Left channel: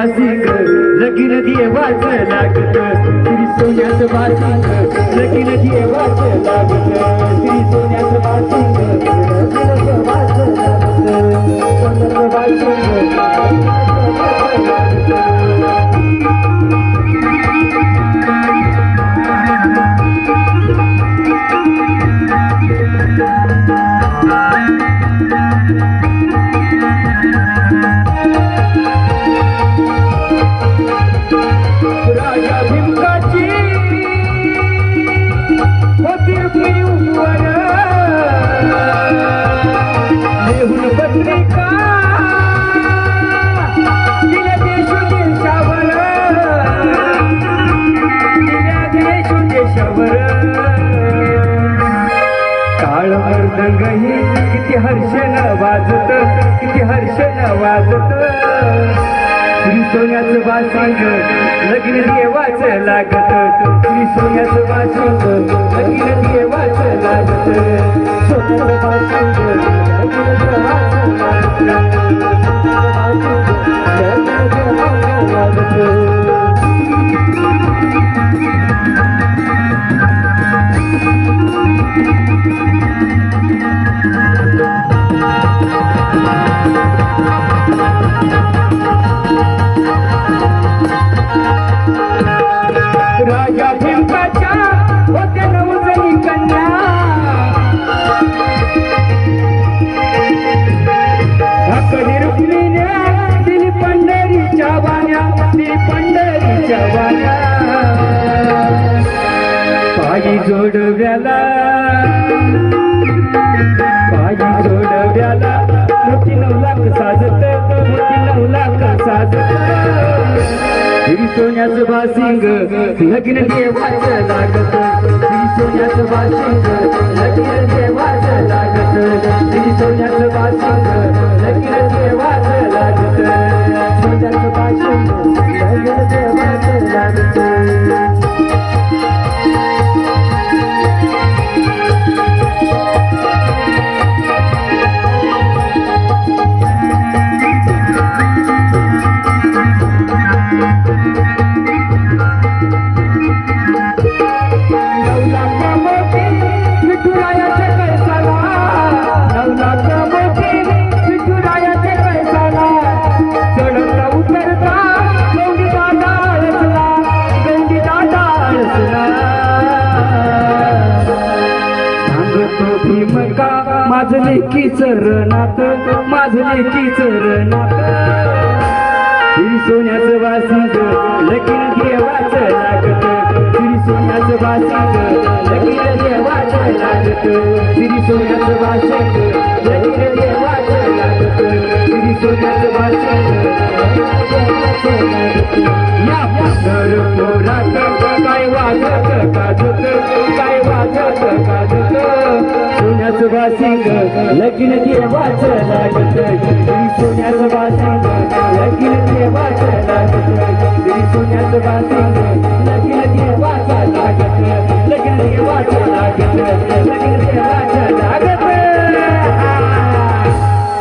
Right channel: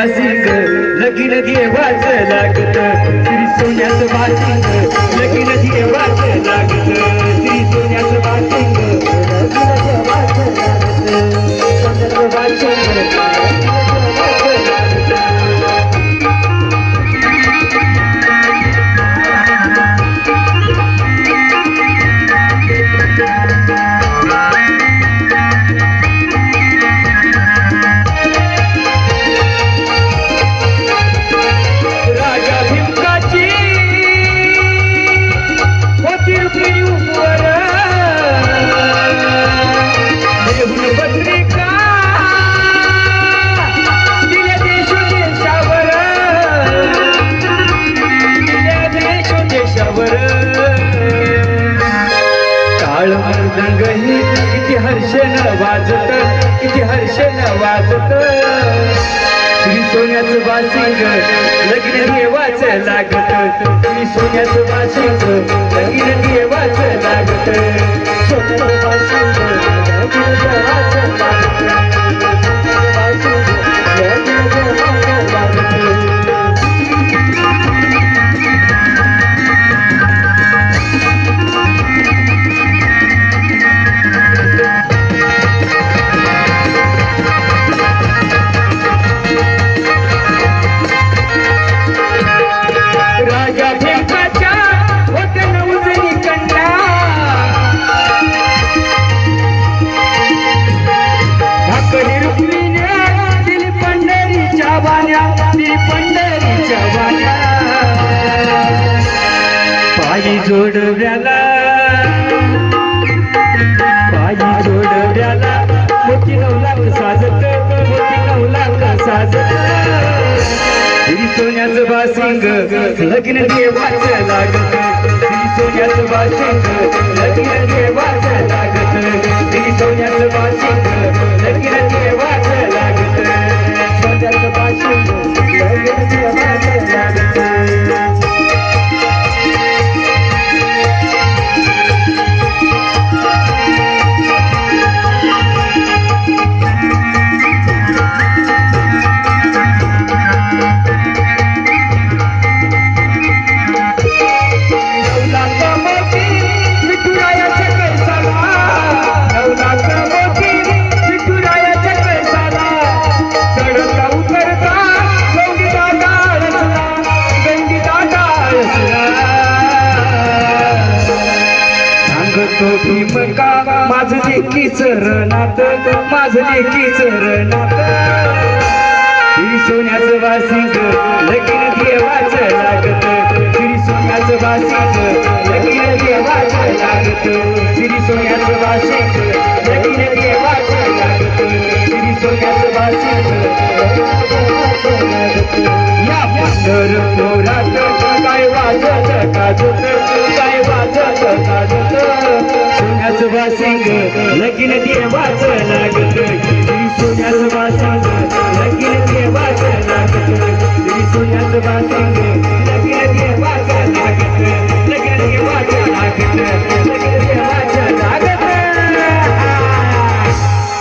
washing लगीन देवाचं लागत श्री सोन्याचं वासिंग लगीन देवाचं लागत श्री सोन्याचं वासिंग लगीन देवाचं लागत सोन्याचं वासिंग किती हर्षण वाजत किती हर्षण वाजत श्री सोन्याचं वासिंग लगीन देवाचं लागत श्री सोन्याचं वासिंग लगीन देवाचं लागत सोन्याचं वासिंग लगीन देवाचं लागत राजा भिंकाच्या वतन उजनी कन्या भाकरी रुक्मिणी दिली पंढरीच्या वाण्या दिली पंढरीच्या वाण्या पायी जोडव्याला मोठी नवलाख साजत मोठी नवलाख साजत श्री सोन्याचं वासिंग लगीन देवाचं लागत श्री सोन्याचं वासिंग लगीन देवाचं लागत श्री सोन्याचं वासिंग लगीन देवाचं लागत सोन्याचं वासिंग लगीन देवाचं लागत भीमका माझं लेकीचं रणात माझं लेकीचं रणात श्री सोन्याचं वासिंग लगीन देवाचं लागत श्री सोन्याचं वासिंग लगीन देवाचं लागत श्री सोन्याचं वासिंग लगीन देवाचं लागत श्री सोन्याचं वासिंग